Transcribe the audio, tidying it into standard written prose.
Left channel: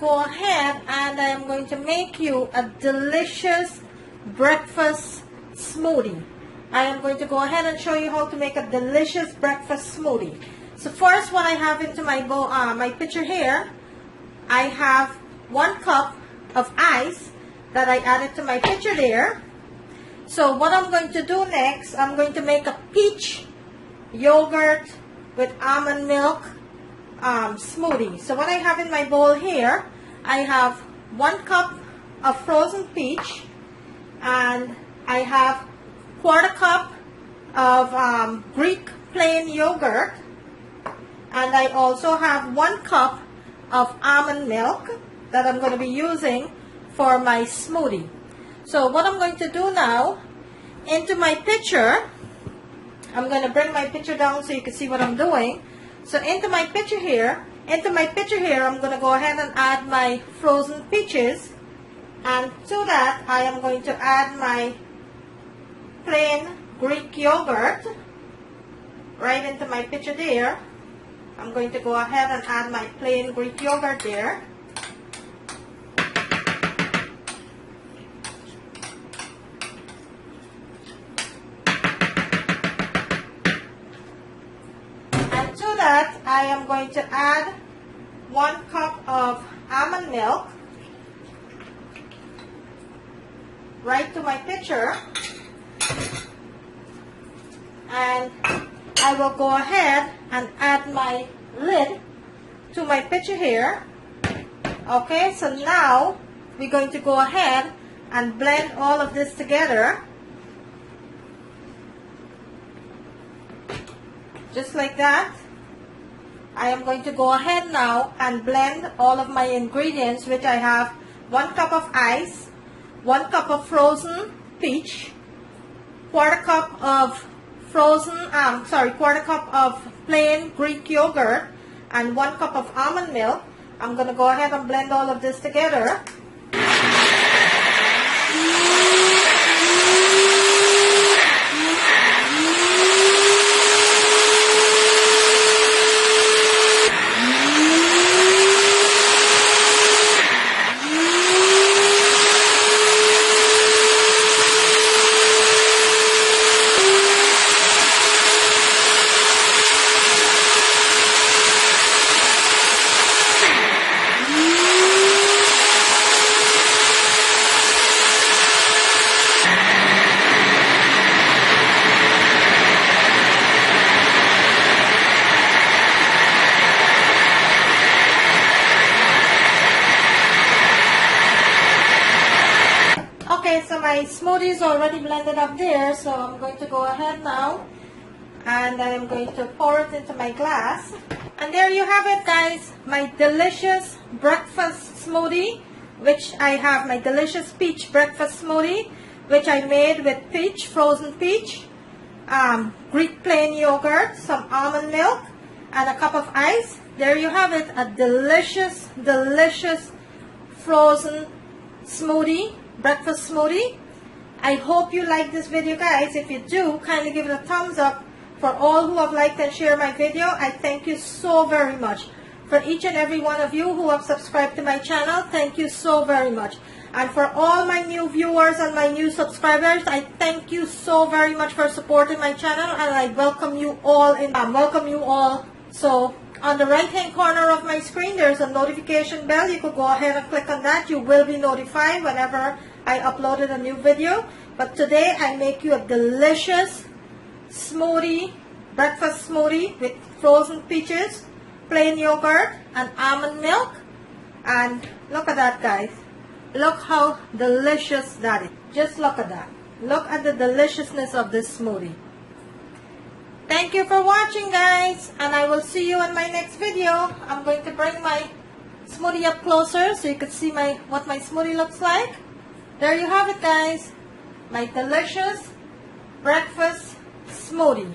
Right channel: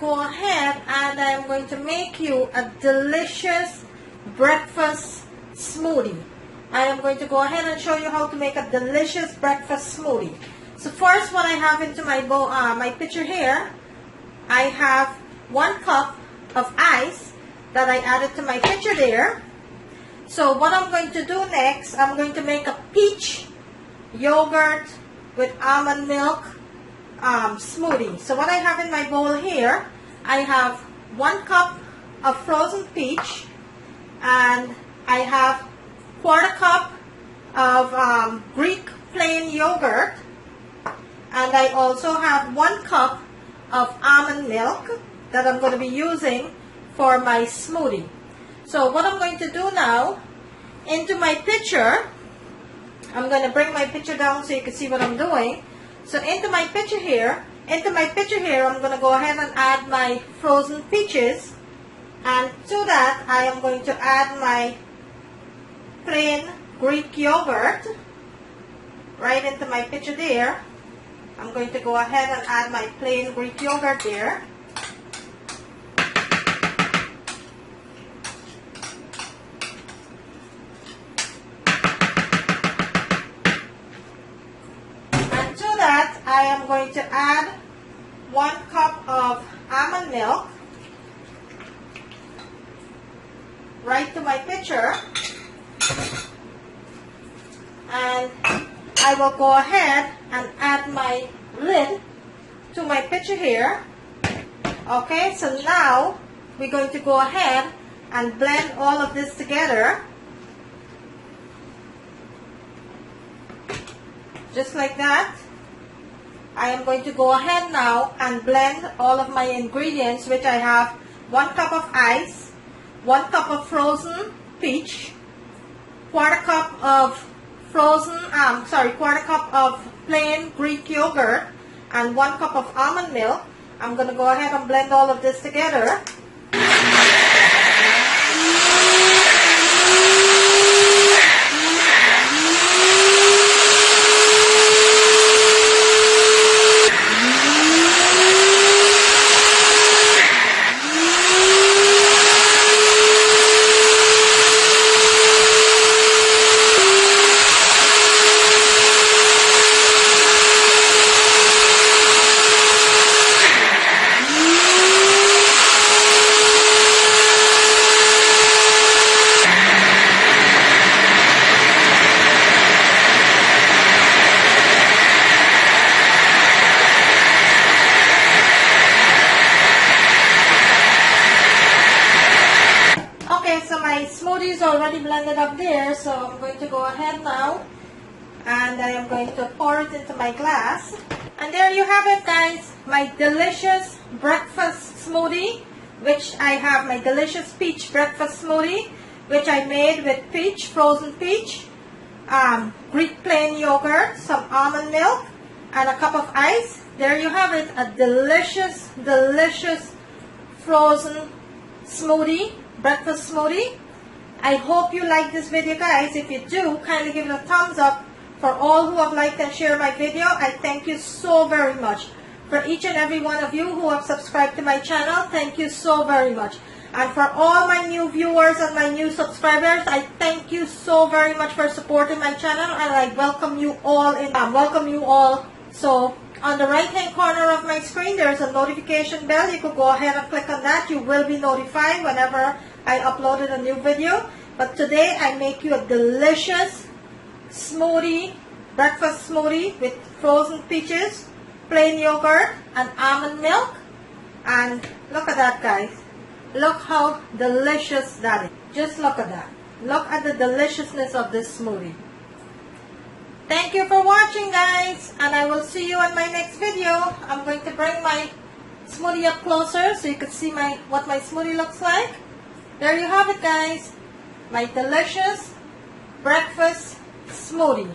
go ahead and I'm going to make you a delicious breakfast smoothie. I am going to go ahead and show you how to make a delicious breakfast smoothie. So first, what I have into my bowl, my pitcher here, I have 1 cup of ice that I added to my pitcher there. So what I'm going to do next, I'm going to make a peach yogurt with almond milk smoothie. So what I have in my bowl here, I have 1 cup of frozen peach, and I have 1/4 cup of Greek plain yogurt, and I also have 1 cup of almond milk that I'm going to be using for my smoothie. So what I'm going to do now, into my pitcher, I'm going to bring my pitcher down so you can see what I'm doing. So into my pitcher here, I'm going to go ahead and add my frozen peaches, and to that I am going to add my plain Greek yogurt right into my pitcher there. I'm going to go ahead and add my plain Greek yogurt there. And to that, I am going to add 1 cup of almond milk right to my pitcher. And I will go ahead and add my lid to my pitcher here. Okay, so now we're going to go ahead and blend all of this together. Just like that. I am going to go ahead now and blend all of my ingredients, which I have 1 cup of ice, 1 cup of frozen peach, 1/4 cup of plain Greek yogurt, and 1 cup of almond milk. I'm going to go ahead and blend all of this together. So my smoothie is already blended up there, so I'm going to go ahead now and I am going to pour it into my glass. And there you have it, guys, my delicious breakfast smoothie, which I have my delicious peach breakfast smoothie, which I made with peach, frozen peach, Greek plain yogurt, some almond milk, and a cup of ice. There you have it, a delicious, delicious frozen smoothie, breakfast smoothie. I hope you like this video, guys. If you do, kindly give it a thumbs up. For all who have liked and shared my video, I thank you so very much. For each and every one of you who have subscribed to my channel, thank you so very much. And for all my new viewers and my new subscribers, I thank you so very much for supporting my channel, and I welcome you all So on the right hand corner of my screen, there's a notification bell. You could go ahead and click on that. You will be notified whenever I uploaded a new video. But today I make you a delicious smoothie, breakfast smoothie with frozen peaches, plain yogurt, and almond milk. And look at that, guys. Look how delicious that is. Just look at that. Look at the deliciousness of this smoothie. Thank you for watching, guys, and I will see you in my next video. I'm going to bring my smoothie up closer so you can see what my smoothie looks like. There you have it, guys. My delicious breakfast smoothie.